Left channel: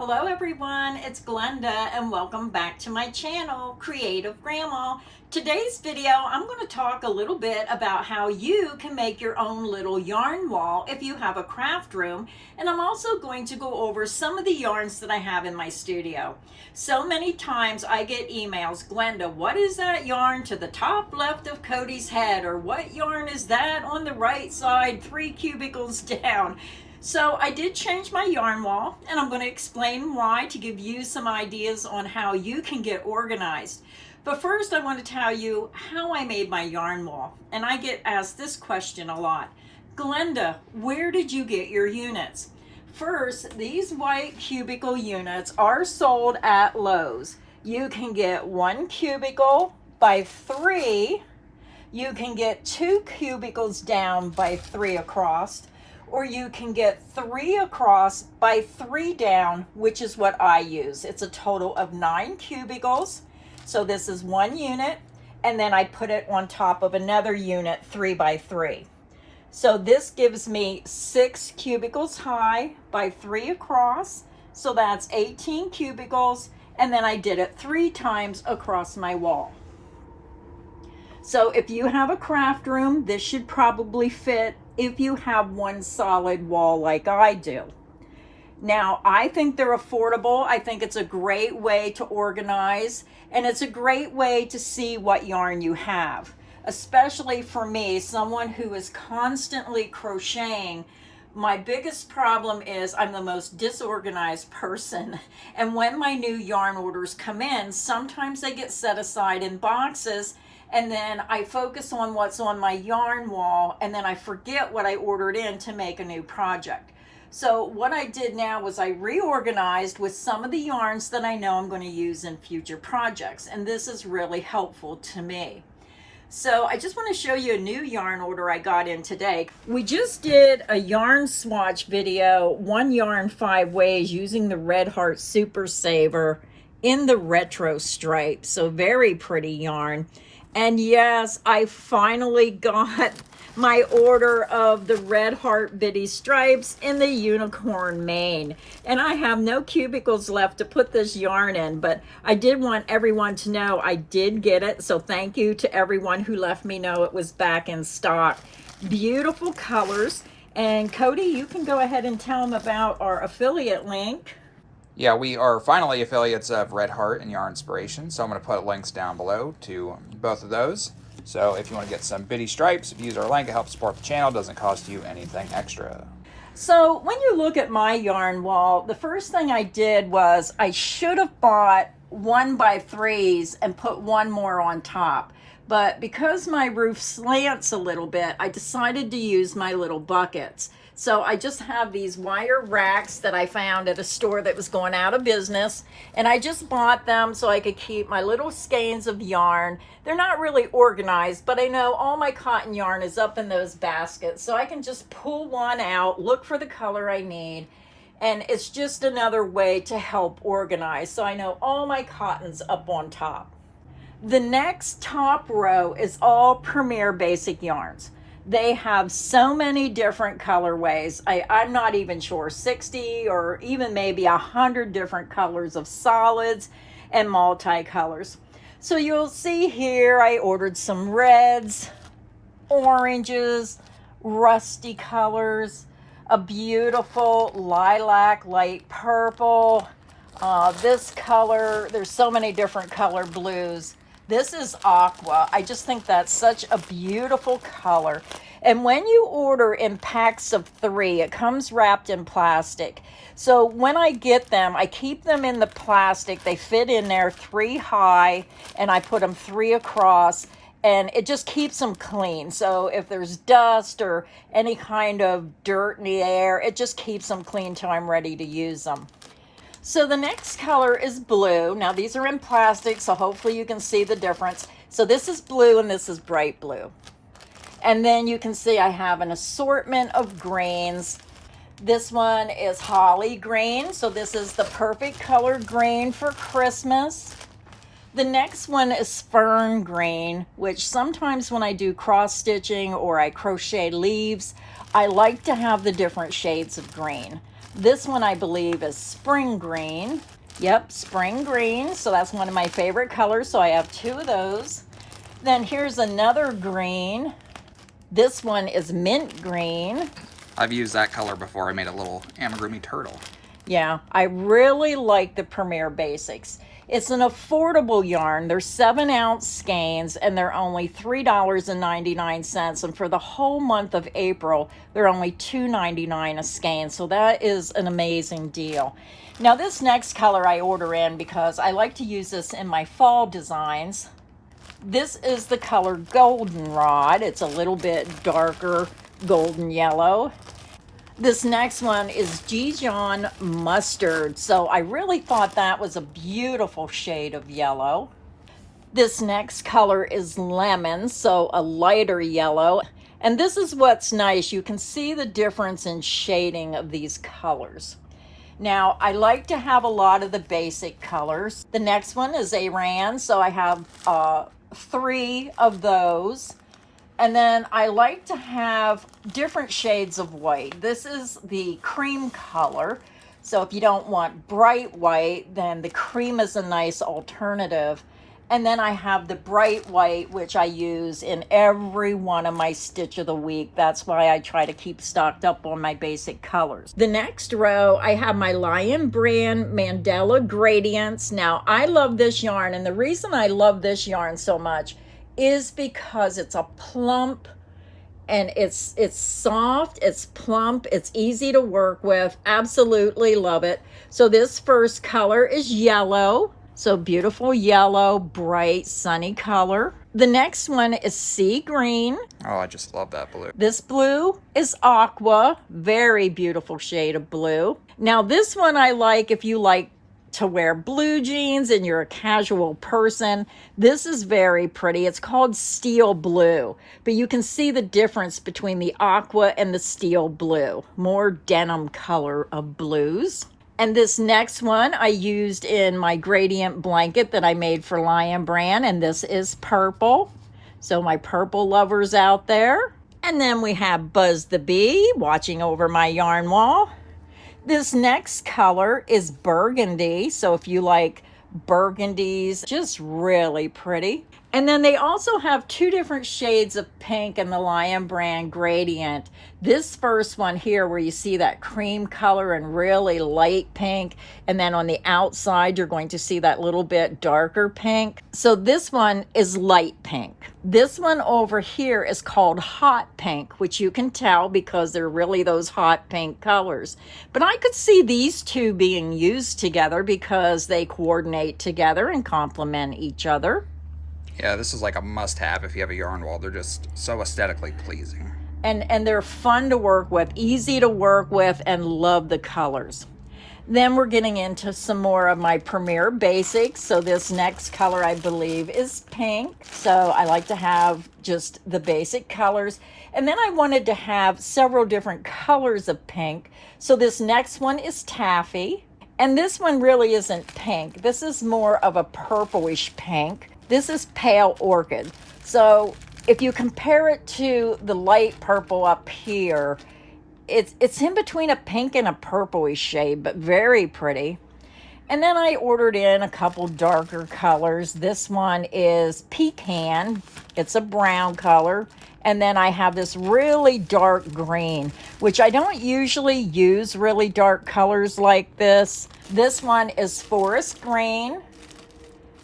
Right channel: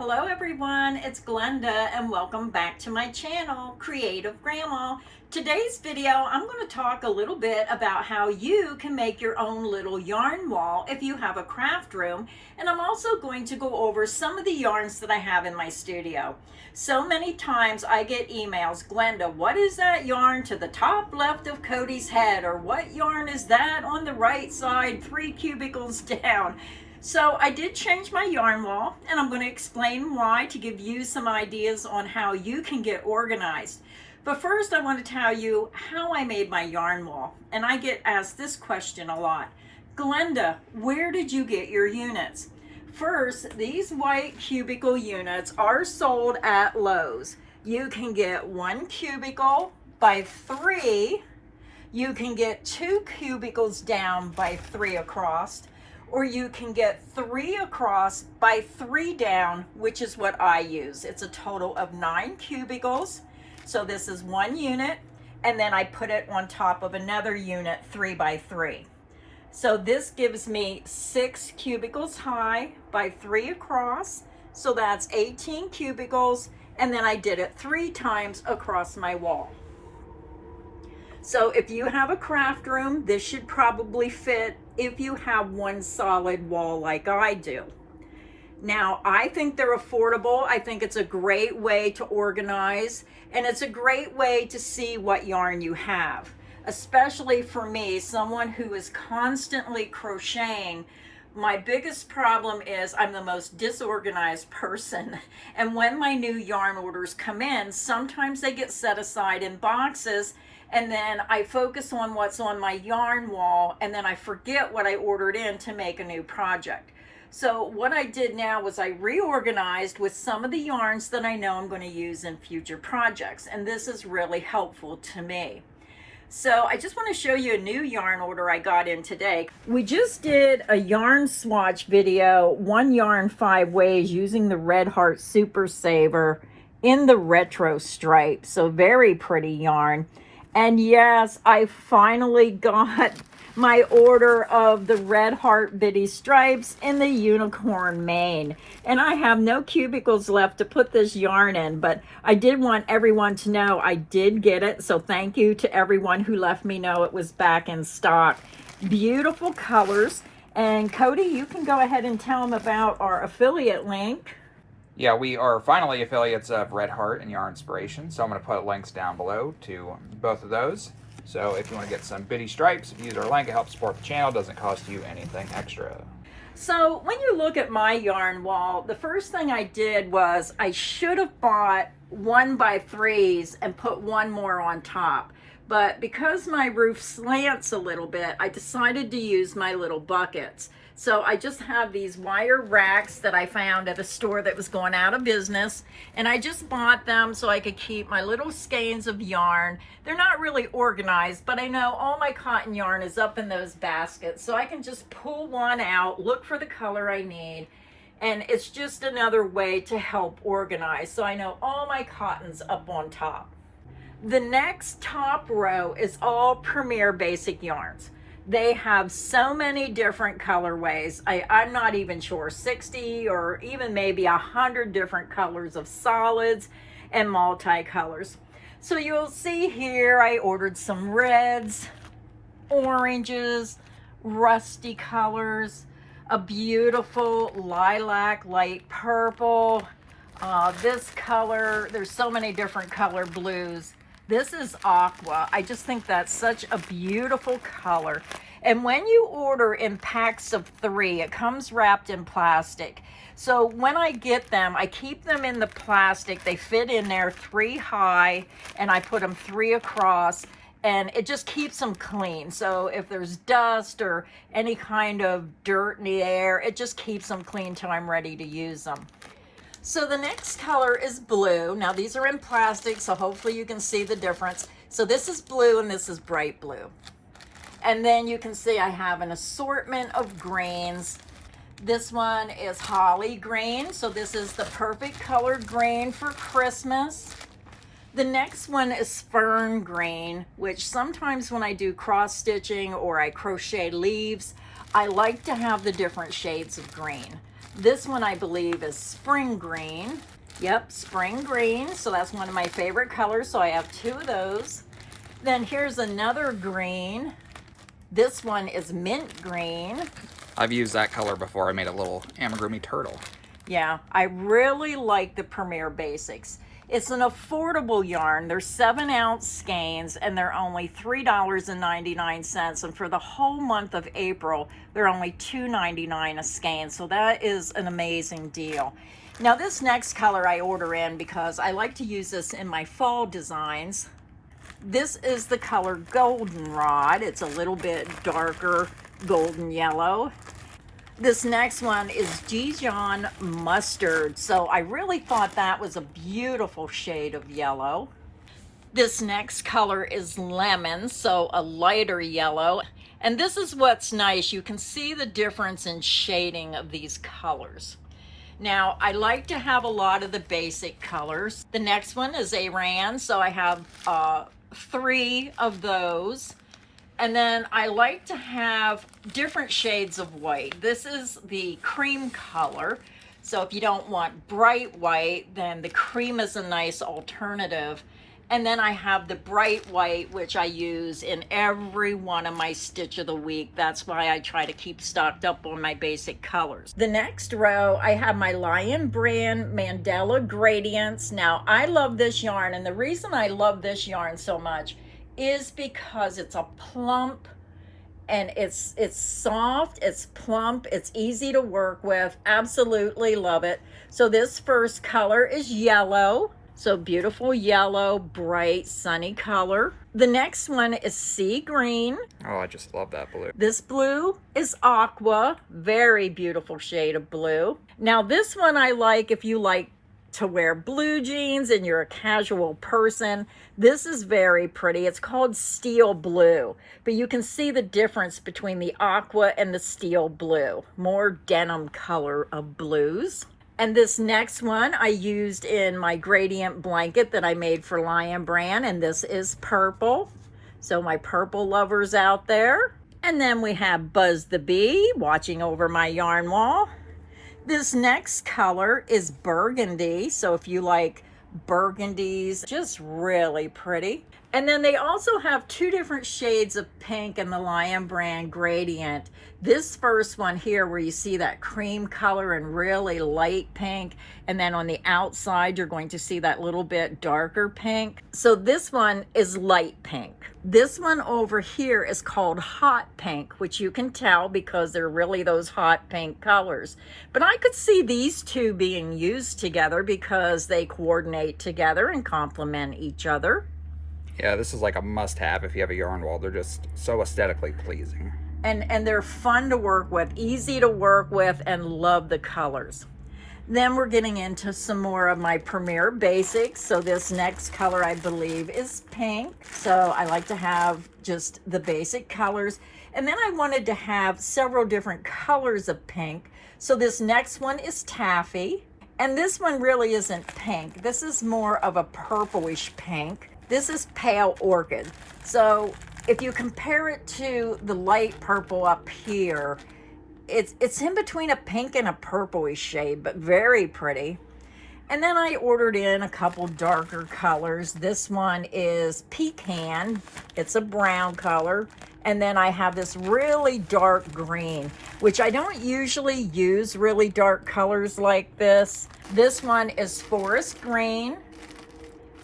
Hello everyone, it's Glenda and welcome back to my channel, Creative Grandma. Today's video, I'm going to talk a little bit about how you can make your own little yarn wall if you have a craft room. And I'm also going to go over some of the yarns that I have in my studio. So many times I get emails, Glenda, what is that yarn to the top left of Cody's head? Or what yarn is that on the right side, 3 cubicles down? So I did change my yarn wall, and I'm going to explain why to give you some ideas on how you can get organized. But first I want to tell you how I made my yarn wall. And I get asked this question a lot. Glenda, where did you get your units? First, these white cubicle units are sold at Lowe's. You can get 1 cubicle by 3. You can get 2 cubicles down by 3 across. Or you can get 3 across by 3 down, which is what I use. It's a total of 9 cubicles. So this is 1 unit, and then I put it on top of another unit 3 by 3. So this gives me 6 cubicles high by 3 across. So that's 18 cubicles, and then I did it 3 times across my wall. So if you have a craft room, this should probably fit if you have one solid wall like I do. Now, I think they're affordable. I think it's a great way to organize, and it's a great way to see what yarn you have. Especially for me, someone who is constantly crocheting, my biggest problem is I'm the most disorganized person. And when my new yarn orders come in, sometimes they get set aside in boxes, and then I focus on what's on my yarn wall, and then I forget what I ordered in to make a new project. So what I did now was I reorganized with some of the yarns that I know I'm going to use in future projects, and this is really helpful to me. So I just want to show you a new yarn order I got in today. We just did a yarn swatch video, 1 yarn 5 ways, using the Red Heart Super Saver in the retro stripe. So very pretty yarn. And yes, I finally got my order of the Red Heart Bitty stripes in the unicorn mane. And I have no cubicles left to put this yarn in, but I did want everyone to know I did get it. So thank you to everyone who let me know it was back in stock. Beautiful colors. And Cody, you can go ahead and tell them about our affiliate link. Yeah, we are finally affiliates of Red Heart and Yarn Inspiration, so I'm going to put links down below to both of those. So if you want to get some bitty stripes, if you use our link, it helps support the channel. It doesn't cost you anything extra. So when you look at my yarn wall, the first thing I did was I should have bought 1 by 3s and put 1 more on top. But because my roof slants a little bit, I decided to use my little buckets. So I just have these wire racks that I found at a store that was going out of business. And I just bought them so I could keep my little skeins of yarn. They're not really organized, but I know all my cotton yarn is up in those baskets. So I can just pull one out, look for the color I need. And it's just another way to help organize. So I know all my cotton's up on top. The next top row is all Premier Basic yarns. They have so many different colorways. I'm not even sure, 60 or even maybe 100 different colors of solids and multicolors. So you'll see here I ordered some reds, oranges, rusty colors, a beautiful lilac, light purple, this color. There's so many different color blues. This is aqua. I just think that's such a beautiful color. And when you order in packs of 3, it comes wrapped in plastic. So when I get them, I keep them in the plastic. They fit in there 3 high, and I put them 3 across, and it just keeps them clean. So if there's dust or any kind of dirt in the air, it just keeps them clean till I'm ready to use them. So the next color is blue. Now these are in plastic, so hopefully you can see the difference. So this is blue and this is bright blue. And then you can see I have an assortment of greens. This one is holly green, so this is the perfect color green for Christmas. The next one is fern green, which sometimes when I do cross stitching or I crochet leaves, I like to have the different shades of green. This one I believe is spring green. Yep, spring green. So that's one of my favorite colors. So I have 2 of those. Then here's another green. This one is mint green. I've used that color before. I made a little amigurumi turtle. Yeah, I really like the Premier Basics. It's an affordable yarn. They're 7-ounce skeins and they're only $3.99. And for the whole month of April, they're only $2.99 a skein. So that is an amazing deal. Now this next color I order in because I like to use this in my fall designs. This is the color Goldenrod. It's a little bit darker golden yellow. This next one is Dijon Mustard. So I really thought that was a beautiful shade of yellow. This next color is Lemon, so a lighter yellow. And this is what's nice. You can see the difference in shading of these colors. Now, I like to have a lot of the basic colors. The next one is Aran, so I have 3 of those. And then I like to have different shades of white. This is the cream color. So if you don't want bright white, then the cream is a nice alternative. And then I have the bright white, which I use in every one of my Stitch of the Week. That's why I try to keep stocked up on my basic colors. The next row, I have my Lion Brand Mandala Gradients. Now, I love this yarn, and the reason I love this yarn so much is because it's a plump, and it's soft, it's plump, it's easy to work with. Absolutely love it. So this first color is yellow. So beautiful yellow, bright, sunny color. The next one is sea green. Oh, I just love that blue. This blue is aqua, very beautiful shade of blue. Now this one I like if you like to wear blue jeans and you're a casual person. This is very pretty. It's called steel blue, but you can see the difference between the aqua and the steel blue. More denim color of blues. And this next one I used in my gradient blanket that I made for Lion Brand, and this is purple. So my purple lovers out there. And then we have Buzz the Bee watching over my yarn wall. This next color is burgundy. So if you like burgundies, just really pretty. And then they also have 2 different shades of pink in the Lion Brand gradient. This first one here where you see that cream color and really light pink, and then on the outside you're going to see that little bit darker pink. So this one is light pink. This one over here is called hot pink, which you can tell because they're really those hot pink colors. But I could see these 2 being used together because they coordinate together and complement each other. Yeah, this is like a must-have if you have a yarn wall. They're just so aesthetically pleasing. And they're fun to work with, easy to work with, and love the colors. Then we're getting into some more of my Premier Basics. So this next color I believe is pink. So I like to have just the basic colors. And then I wanted to have several different colors of pink. So this next one is taffy. And this one really isn't pink. This is more of a purplish pink. This is pale orchid. So if you compare it to the light purple up here, it's in between a pink and a purplish shade, but very pretty. And then I ordered in a couple darker colors. This one is pecan. It's a brown color. And then I have this really dark green, which I don't usually use really dark colors like this. This one is forest green.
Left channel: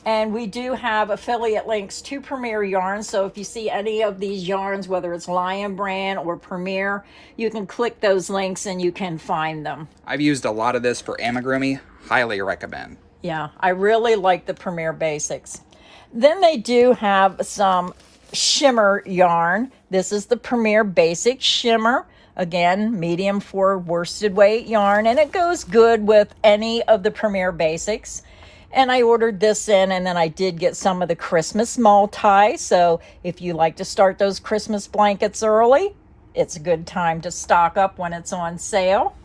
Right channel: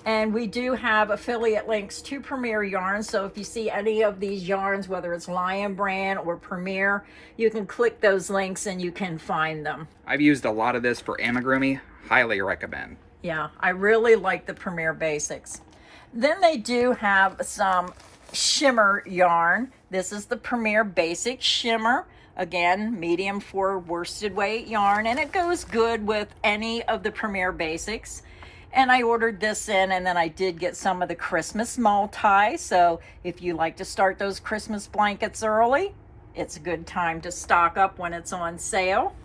And we do have affiliate links to Premier Yarns. So if you see any of these yarns, whether it's Lion Brand or Premier, you can click those links and you can find them. I've used a lot of this for amigurumi. Highly recommend. Yeah, I really like the Premier Basics. Then they do have some shimmer yarn. This is the Premier Basic Shimmer. Again, medium for worsted weight yarn. And it goes good with any of the Premier Basics. And I ordered this in, and then I did get some of the Christmas multi. So if you like to start those Christmas blankets early, it's a good time to stock up when it's on sale.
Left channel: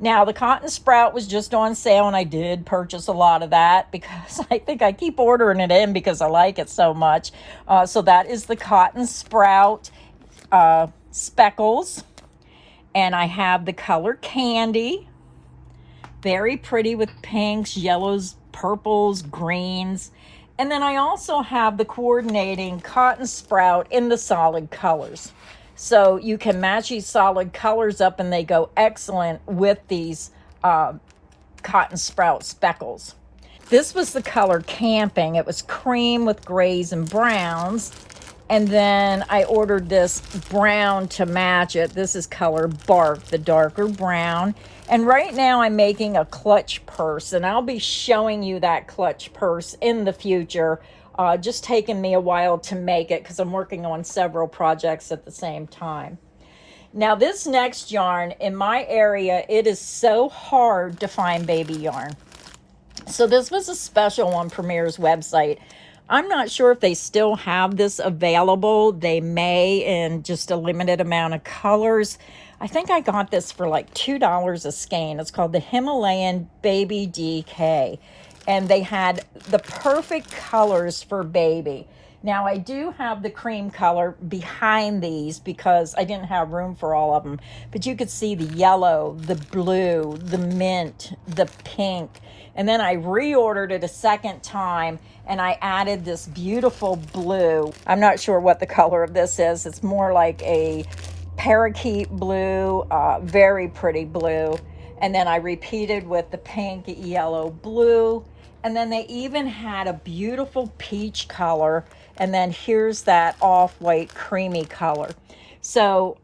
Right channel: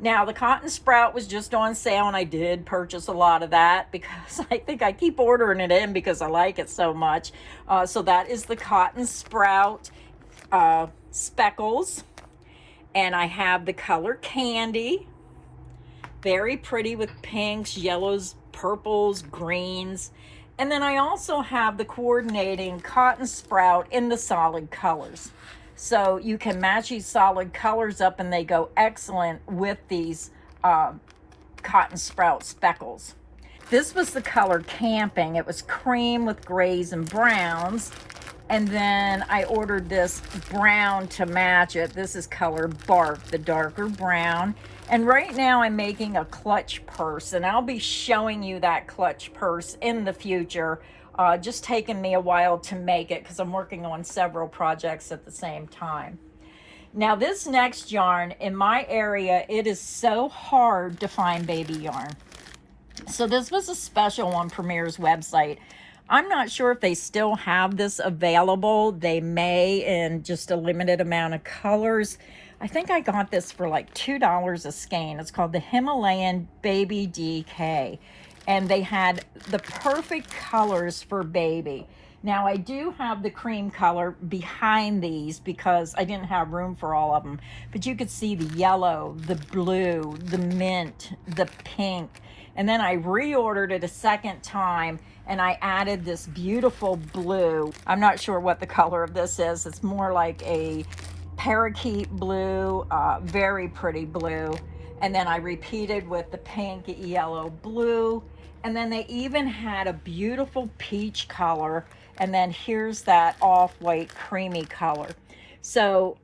Now, the Cotton Sprout was just on sale, and I did purchase a lot of that because I think I keep ordering it in because I like it so much. So that is the Cotton Sprout Speckles. And I have the color Candy. Very pretty with pinks, yellows, purples, greens. And then I also have the coordinating cotton sprout in the solid colors. So you can match these solid colors up and they go excellent with these cotton sprout speckles. This was the color Camping. It was cream with grays and browns. And then I ordered this brown to match it. This is color Bark, the darker brown. And right now I'm making a clutch purse, and I'll be showing you that clutch purse in the future. Just taking me a while to make it because I'm working on several projects at the same time. Now this next yarn, in my area, it is so hard to find baby yarn. So this was a special on Premier's website. I'm not sure if they still have this available. They may, in just a limited amount of colors. I think I got this for like $2 a skein. It's called the Himalayan Baby DK. And they had the perfect colors for baby. Now I do have the cream color behind these because I didn't have room for all of them. But you could see the yellow, the blue, the mint, the pink. And then I reordered it a second time and I added this beautiful blue. I'm not sure what the color of this is. It's more like a parakeet blue, very pretty blue. And then I repeated with the pink, yellow, blue. And then they even had a beautiful peach color. And then here's that off-white creamy color. So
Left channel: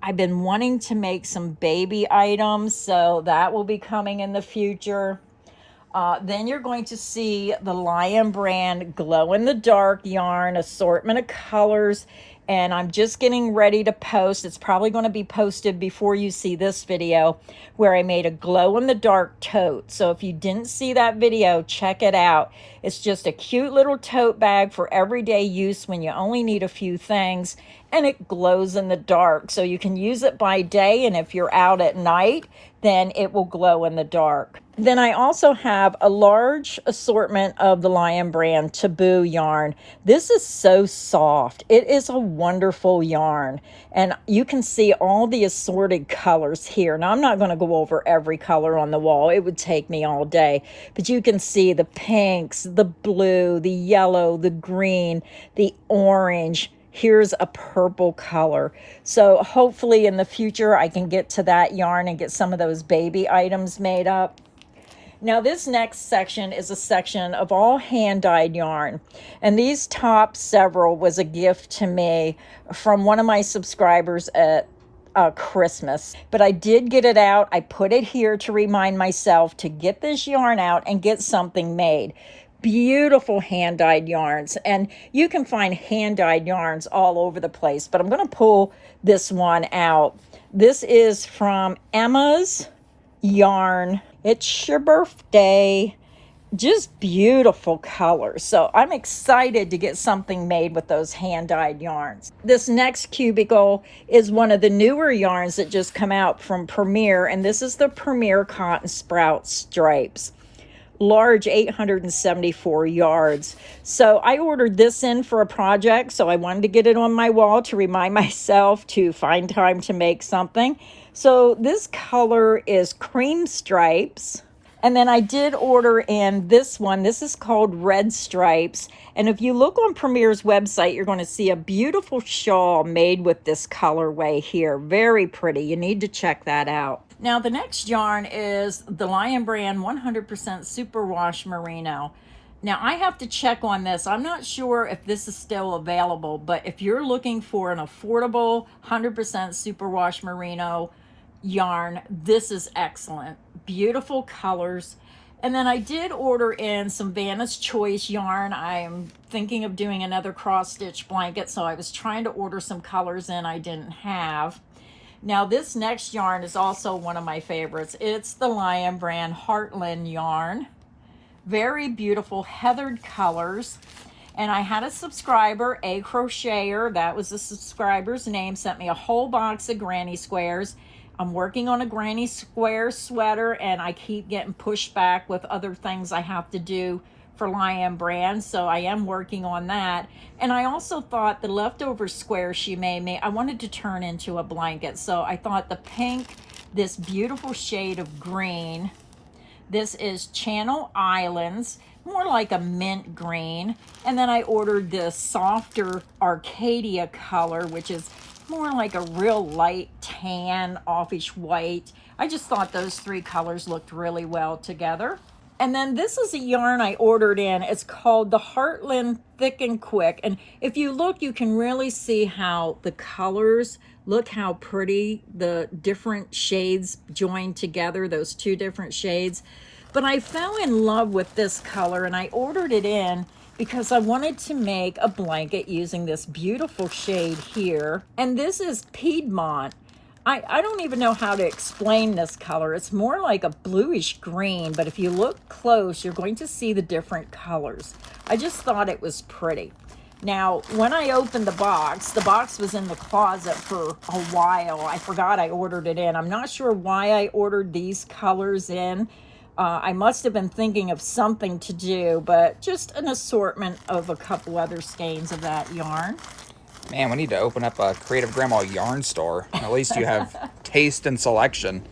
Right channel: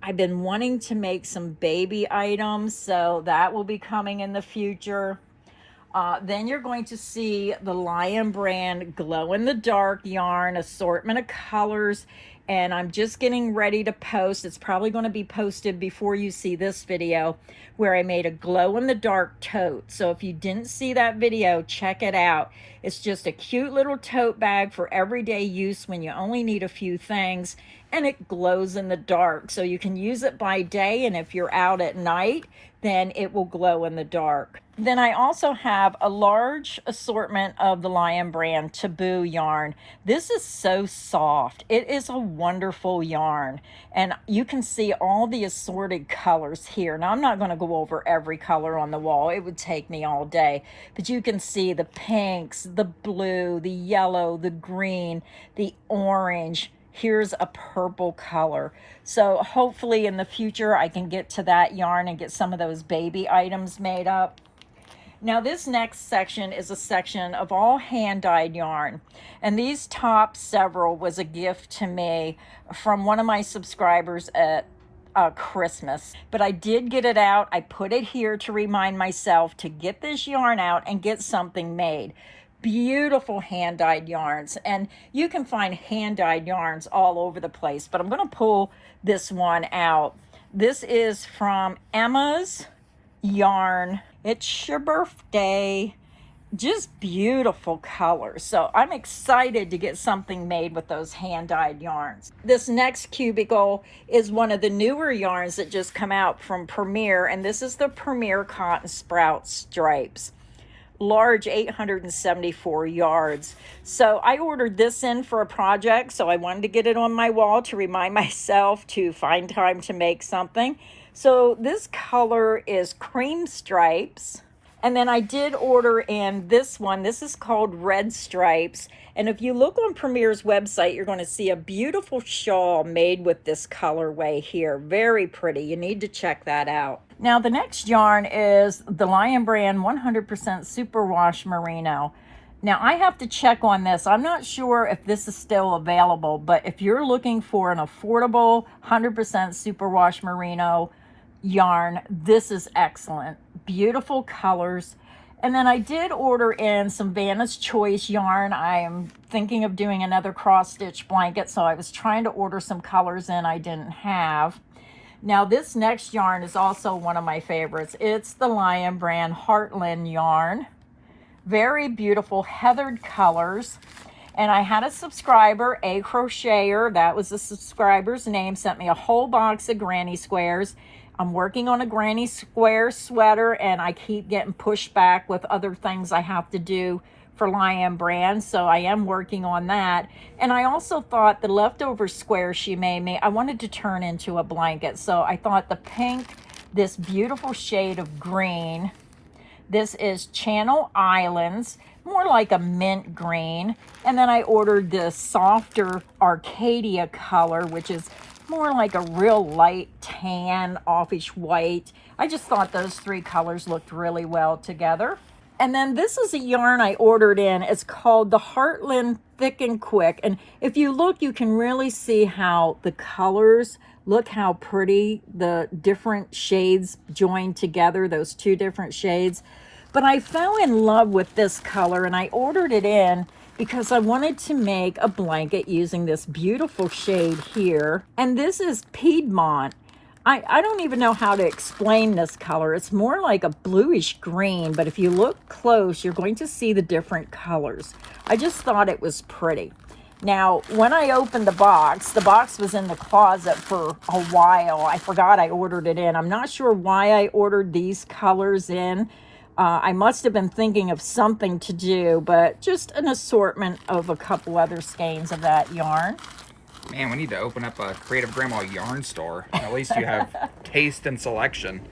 I've been wanting to make some baby items, so that will be coming in the future. Then you're going to see the Lion Brand glow-in-the-dark yarn assortment of colors, and I'm just getting ready to post. It's probably going to be posted before you see this video, where I made a glow-in-the-dark tote. So if you didn't see that video, check it out. It's just a cute little tote bag for everyday use when you only need a few things, and it glows in the dark. So you can use it by day, and if you're out at night, then it will glow in the dark. Then I also have a large assortment of the Lion Brand Taboo yarn. This is so soft. It is a wonderful yarn. And you can see all the assorted colors here. Now, I'm not going to go over every color on the wall. It would take me all day. But you can see the pinks, the blue, the yellow, the green, the orange. Here's a purple color. So hopefully in the future I can get to that yarn and get some of those baby items made up. Now this next section is a section of all hand-dyed yarn. And these top several was a gift to me from one of my subscribers at Christmas. But I did get it out. I put it here to remind myself to get this yarn out and get something made. Beautiful hand-dyed yarns, and you can find hand-dyed yarns all over the place, but I'm going to pull this one out. This is from Emma's Yarn. It's your birthday. Just beautiful colors. So I'm excited to get something made with those hand-dyed yarns. This next cubicle is one of the newer yarns that just come out from Premier, and this is the Premier Cotton Sprout Stripes. Large 874 yards. So I ordered this in for a project, so I wanted to get it on my wall to remind myself to find time to make something. So this color is Cream Stripes. And then I did order in this one. This is called Red Stripes. And if you look on Premier's website, you're going to see a beautiful shawl made with this colorway here. Very pretty. You need to check that out. Now the next yarn is the Lion Brand 100% Superwash Merino. Now I have to check on this. I'm not sure if this is still available, but if you're looking for an affordable 100% Superwash Merino yarn, this is excellent. Beautiful colors. And then I did order in some Vanna's Choice yarn. I am thinking of doing another cross stitch blanket, so I was trying to order some colors in I didn't have. Now this next yarn is also one of my favorites. It's the Lion Brand Heartland yarn. Very beautiful heathered colors. And I had a subscriber, a crocheter, that was the subscriber's name, sent me a whole box of granny squares. I'm working on a granny square sweater, and I keep getting pushed back with other things I have to do for Lion Brand, so I am working on that. And I also thought the leftover square she made me, I wanted to turn into a blanket. So I thought the pink, this beautiful shade of green, This is Channel Islands, more like a mint green. And then I ordered this softer Arcadia color, which is more like a real light tan, offish white. I just thought those three colors looked really well together. And then this is a yarn I ordered in. It's called the Heartland Thick and Quick. And if you look, you can really see how the colors, look how pretty the different shades joined together, those two different shades. But I fell in love with this color and I ordered it in because I wanted to make a blanket using this beautiful shade here. And this is Piedmont. I don't even know how to explain this color. It's more like a bluish green, but if you look close, you're going to see the different colors. I just thought it was pretty. Now, when I opened the box was in the closet for a while. I forgot I ordered it in. I'm not sure why I ordered these colors in. I must have been thinking of something to do, but just an assortment of a couple other skeins of that yarn. Man, we need to open up a Creative Grandma yarn store. At least you have taste and selection.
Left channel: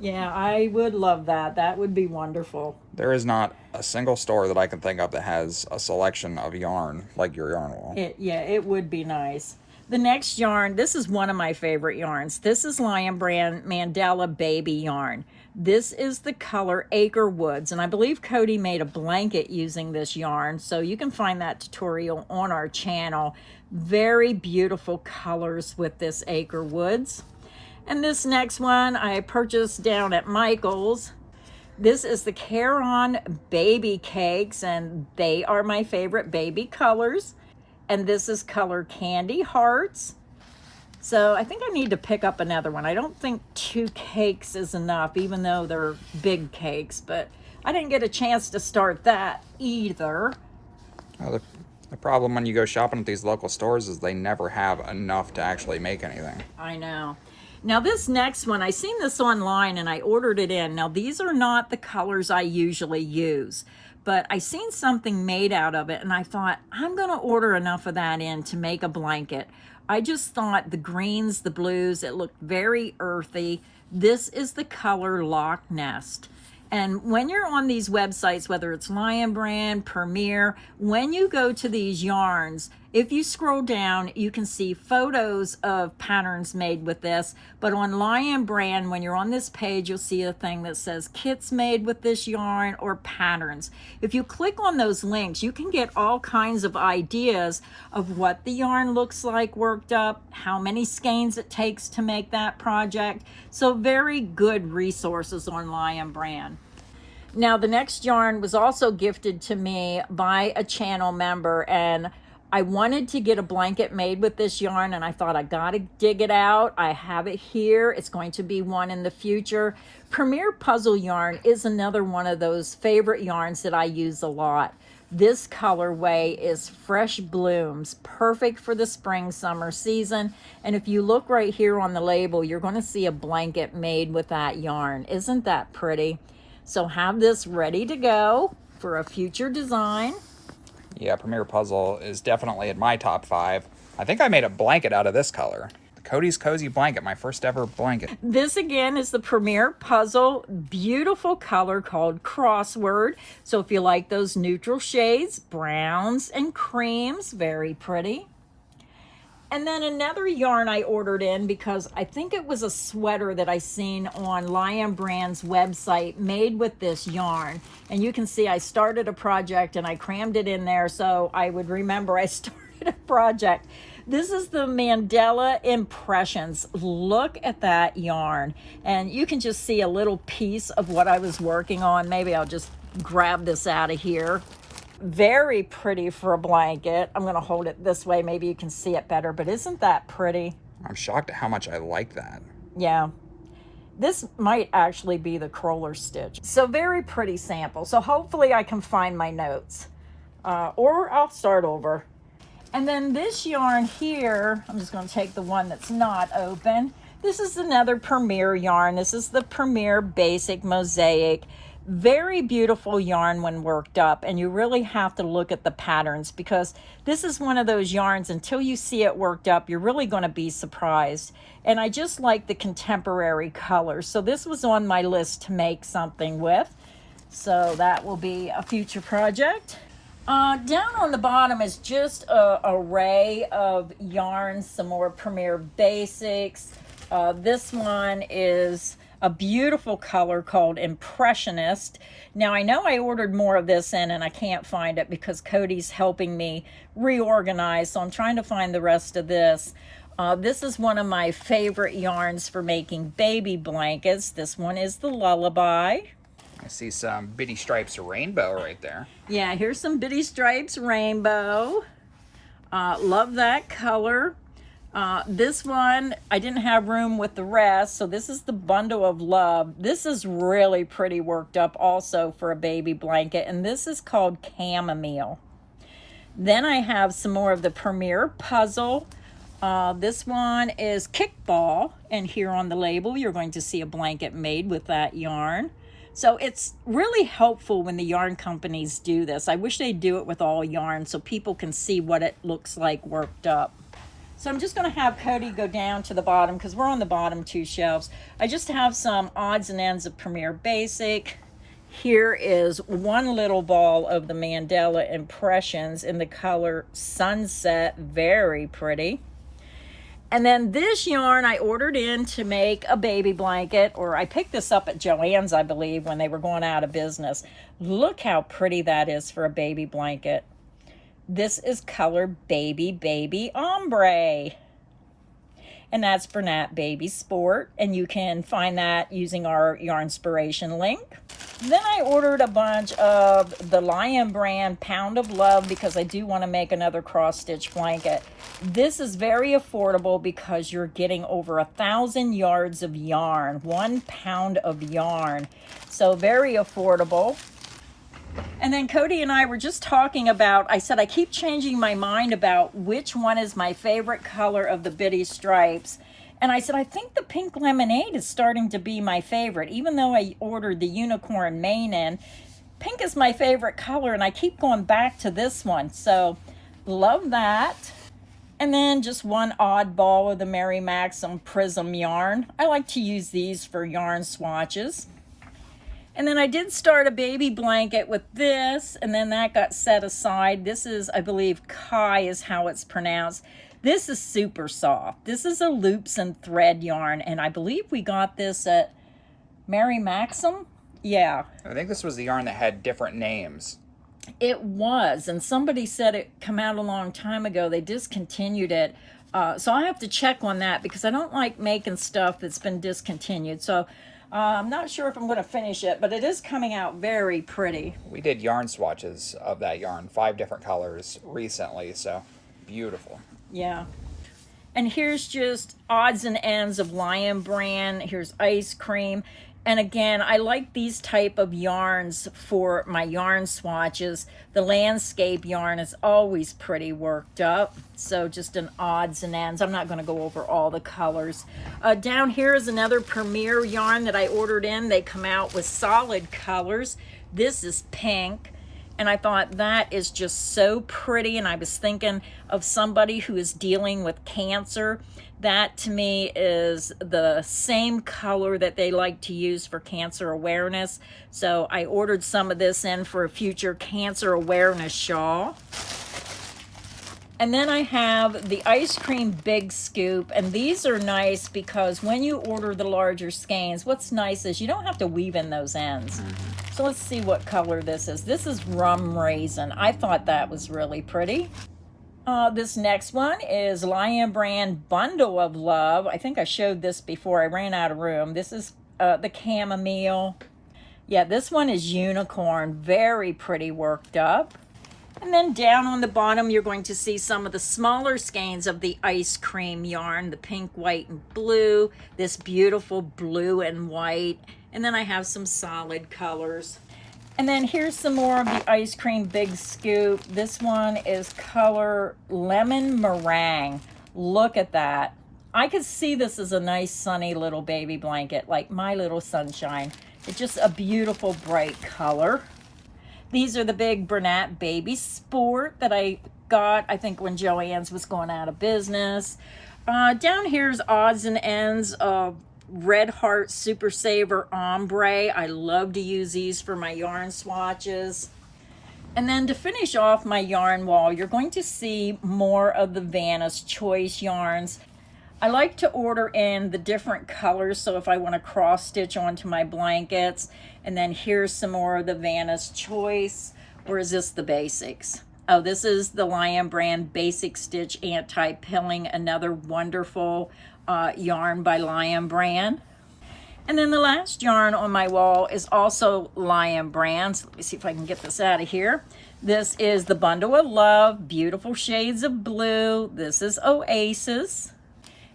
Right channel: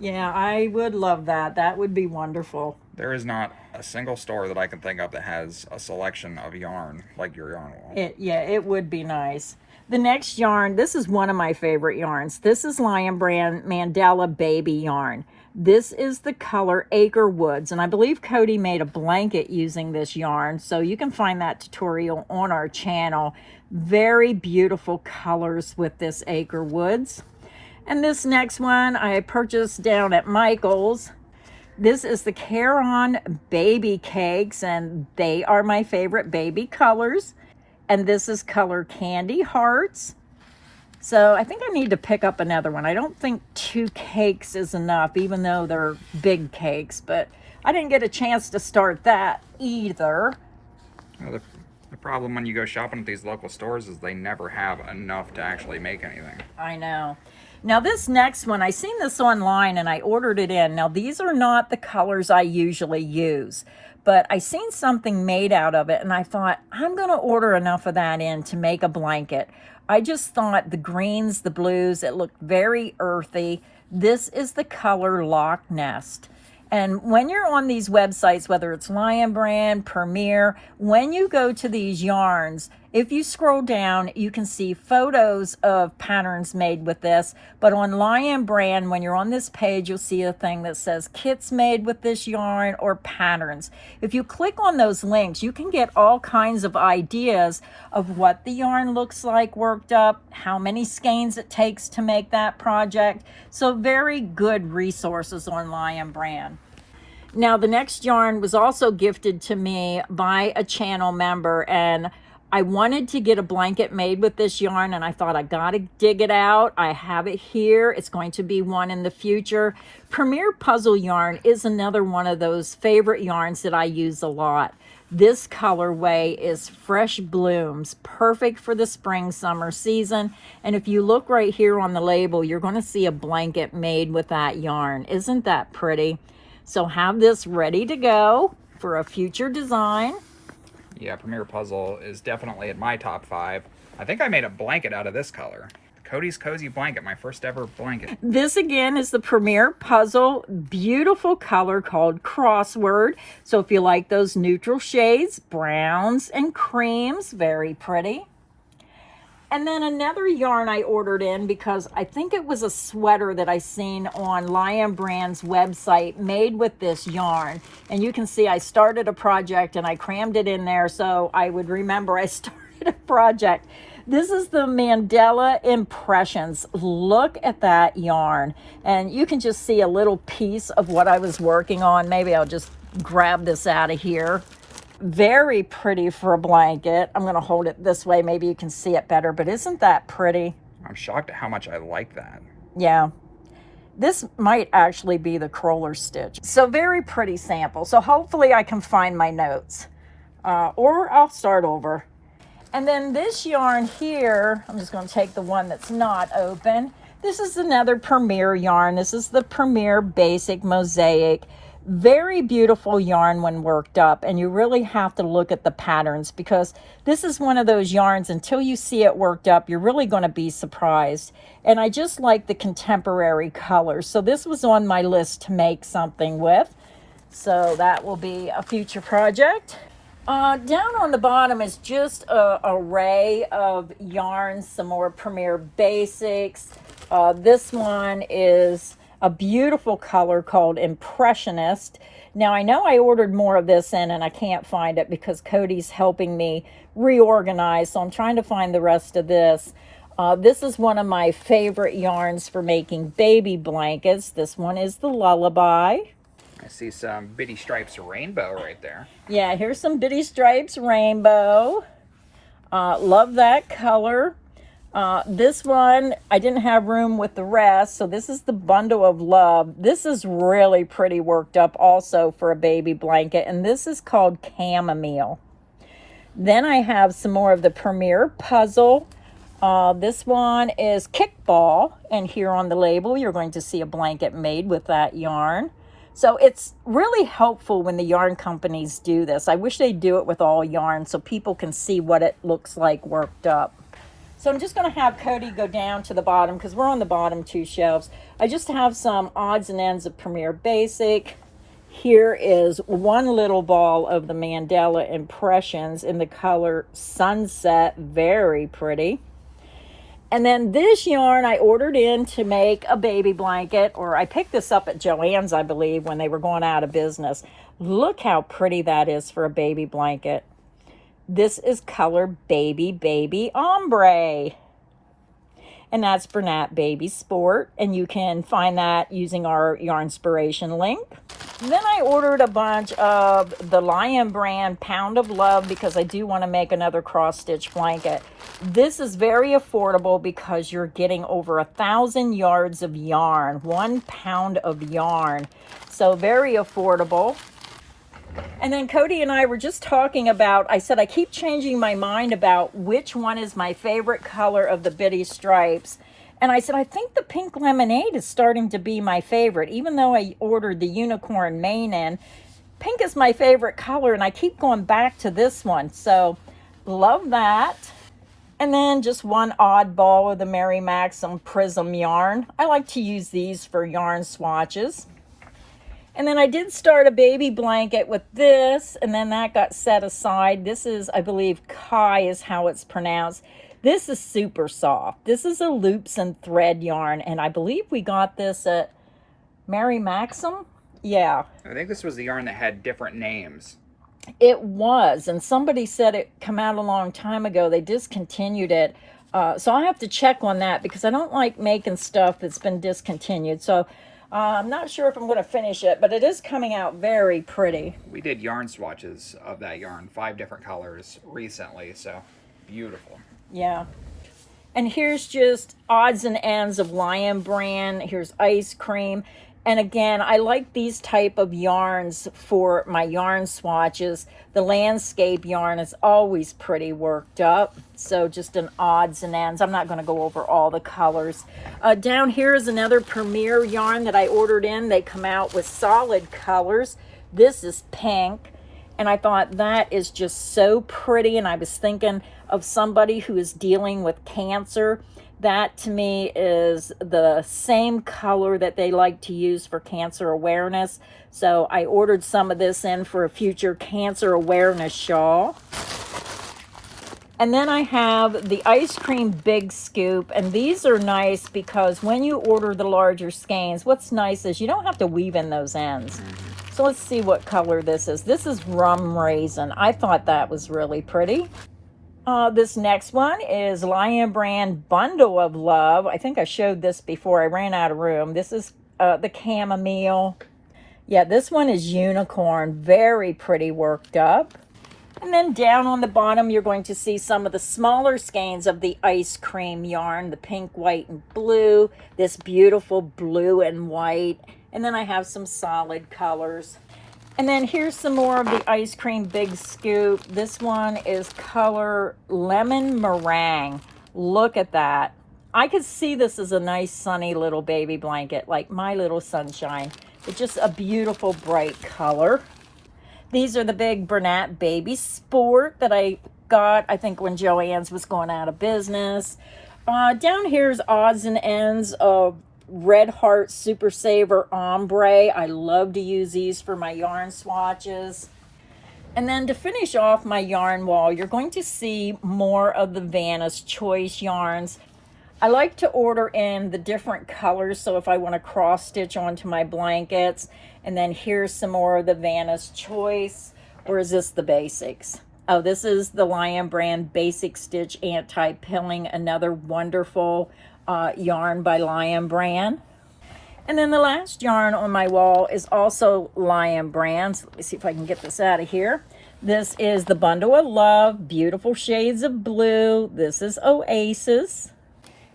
Yeah, I would love that. That would be wonderful. There is not a single store that I can think of that has a selection of yarn like your yarn wall. Yeah, it would be nice. The next yarn, this is one of my favorite yarns. This is Lion Brand Mandala Baby Yarn. This is the color Acre Woods, and I believe Cody made a blanket using this yarn, so you can find that tutorial on our channel. Very beautiful colors with this Acre Woods. And this next one I purchased down at Michael's. This is the Care-On Baby Cakes, and they are my favorite baby colors. And this is color Candy Hearts. So I think I need to pick up another one. I don't think 2 cakes is enough, even though they're big cakes, but I didn't get a chance to start that either. Well, the problem when you go shopping at these local stores is they never have enough to actually make anything. I know. Now this next one, I seen this online and I ordered it in. Now these are not the colors I usually use, but I seen something made out of it and I thought, I'm gonna order enough of that in to make a blanket. I just thought the greens, the blues, it looked very earthy. This is the color Loch Nest. And when you're on these websites, whether it's Lion Brand, Premier, when you go to these yarns, if you scroll down, you can see photos of patterns made with this. But on Lion Brand, when you're on this page, you'll see a thing that says kits made with this yarn or patterns. If you click on those links, you can get all kinds of ideas of what the yarn looks like worked up, how many skeins it takes to make that project. So very good resources on Lion Brand. Now the next yarn was also gifted to me by a channel member, and I wanted to get a blanket made with this yarn and I thought I gotta dig it out. I have it here. It's going to be one in the future. Premier Puzzle yarn is another one of those favorite yarns that I use a lot. This colorway is Fresh Blooms, perfect for the spring, summer season. And if you look right here on the label, you're going to see a blanket made with that yarn. Isn't that pretty? So have this ready to go for a future design. Yeah, Premier Puzzle is definitely in my top 5. I think I made a blanket out of this color. Cody's Cozy Blanket, my first ever blanket. This again is the Premier Puzzle, beautiful color called Crossword. So if you like those neutral shades, browns and creams, very pretty. And then another yarn I ordered in because I think it was a sweater that I seen on Lion Brand's website made with this yarn. And you can see I started a project and I crammed it in there so I would remember I started a project. This is the Mandala Impressions. Look at that yarn. And you can just see a little piece of what I was working on. Maybe I'll just grab this out of here. Very pretty for a blanket. I'm going to hold it this way. Maybe you can see it better, but isn't that pretty? I'm shocked at how much I like that. Yeah. This might actually be the crawler stitch. So very pretty sample. So hopefully I can find my notes or I'll start over. And then this yarn here, I'm just going to take the one that's not open. This is another Premier yarn. This is the Premier Basic Mosaic. Very beautiful yarn when worked up, and you really have to look at the patterns because this is one of those yarns, until you see it worked up, you're really going to be surprised. And I just like the contemporary colors. So this was on my list to make something with. So that will be a future project. Down on the bottom is just an array of yarns, some more Premier Basics. This one is a beautiful color called Impressionist. Now I know I ordered more of this in and I can't find it because Cody's helping me reorganize, so I'm trying to find the rest of this. This is one of my favorite yarns for making baby blankets. This one is the Lullaby. I see some Bitty Stripes Rainbow right there. Yeah, here's some Bitty Stripes Rainbow. Love that color. This one, I didn't have room with the rest, so this is the Bundle of Love. This is really pretty worked up also for a baby blanket, and this is called Chamomile. Then I have some more of the Premier Puzzle. This one is Kickball, and here on the label you're going to see a blanket made with that yarn. So it's really helpful when the yarn companies do this. I wish they'd do it with all yarn so people can see what it looks like worked up. So I'm just going to have Cody go down to the bottom because we're on the bottom two shelves. I just have some odds and ends of Premier Basic. Here is one little ball of the Mandala Impressions in the color Sunset. Very pretty. And then this yarn I ordered in to make a baby blanket, or I picked this up at Joann's, I believe, when they were going out of business. Look how pretty that is for a baby blanket. This is color Baby Ombre. And that's Bernat Baby Sport. And you can find that using our Yarnspiration link. Then I ordered a bunch of the Lion brand Pound of Love because I do want to make another cross stitch blanket. This is very affordable because you're getting over 1,000 yards of yarn, 1 pound of yarn. So very affordable. And then Cody and I were just talking about, I said I keep changing my mind about which one is my favorite color of the Bitty Stripes. And I said, I think the Pink Lemonade is starting to be my favorite. Even though I ordered the Unicorn Mane in, pink is my favorite color and I keep going back to this one. So love that. And then just one oddball of the Mary Maxim Prism yarn. I like to use these for yarn swatches. And then I did start a baby blanket with this, and then that got set aside. This is, I believe, Kai is how it's pronounced. This is super soft. This is a loops and thread yarn, and I believe we got this at Mary Maxim. Yeah. I think this was the yarn that had different names. It was, and somebody said it come out a long time ago. They discontinued it. So I have to check on that because I don't like making stuff that's been discontinued. So I'm not sure if I'm going to finish it, but it is coming out very pretty. We did yarn swatches of that yarn, 5 different colors recently, so beautiful. Yeah. And here's just odds and ends of Lion brand. Here's Ice Cream. And again, I like these type of yarns for my yarn swatches. The landscape yarn is always pretty worked up. So just an odds and ends. I'm not going to go over all the colors. Down here is another Premier yarn that I ordered in. They come out with solid colors. This is pink. And I thought that is just so pretty. And I was thinking of somebody who is dealing with cancer. That to me is the same color that they like to use for cancer awareness. So I ordered some of this in for a future cancer awareness shawl. And then I have the Ice Cream Big Scoop. And these are nice because when you order the larger skeins, what's nice is you don't have to weave in those ends. So let's see what color this is. This is Rum Raisin. I thought that was really pretty. This next one is Lion brand Bundle of Love. I think I showed this before. I ran out of room. This is the Chamomile. Yeah, this one is Unicorn. Very pretty worked up. And then down on the bottom, you're going to see some of the smaller skeins of the Ice Cream yarn. The pink, white, and blue. This beautiful blue and white. And then I have some solid colors. And then here's some more of the Ice Cream Big Scoop. This one is color Lemon Meringue. Look at that. I could see this as a nice sunny little baby blanket, like my little sunshine. It's just a beautiful bright color. These are the big Bernat Baby Sport that I got, I think, when Joann's was going out of business. Down here's odds and ends of Red Heart Super Saver Ombre. I love to use these for my yarn swatches. And then to finish off my yarn wall, you're going to see more of the Vanna's Choice yarns. I like to order in the different colors, so if I want to cross stitch onto my blankets. And then here's some more of the Vanna's Choice. Or is this the basics? Oh, this is the Lion Brand Basic Stitch Anti-Pilling, another wonderful yarn by Lion Brand. And then the last yarn on my wall is also Lion Brand. So let me see if I can get this out of here. This is the Bundle of Love, beautiful shades of blue. This is Oasis.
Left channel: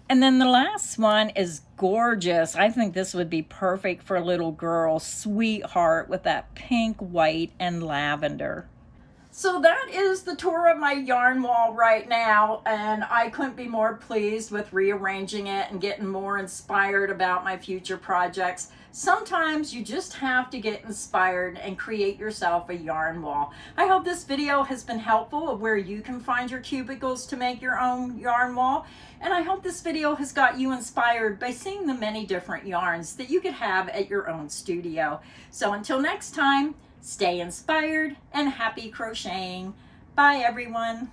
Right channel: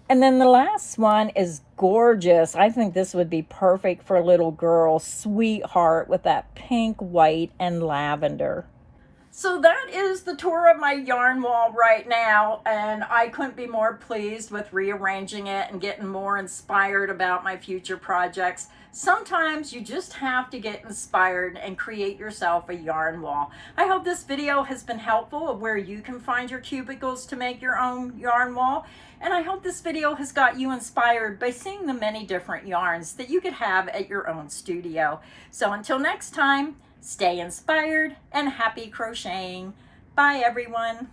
And then the last one is gorgeous. I think this would be perfect for a little girl, Sweetheart, with that pink, white, and lavender. So that is the tour of my yarn wall right now, and I couldn't be more pleased with rearranging it and getting more inspired about my future projects. Sometimes you just have to get inspired and create yourself a yarn wall. I hope this video has been helpful of where you can find your cubicles to make your own yarn wall. And I hope this video has got you inspired by seeing the many different yarns that you could have at your own studio. So until next time, stay inspired and happy crocheting. Bye everyone.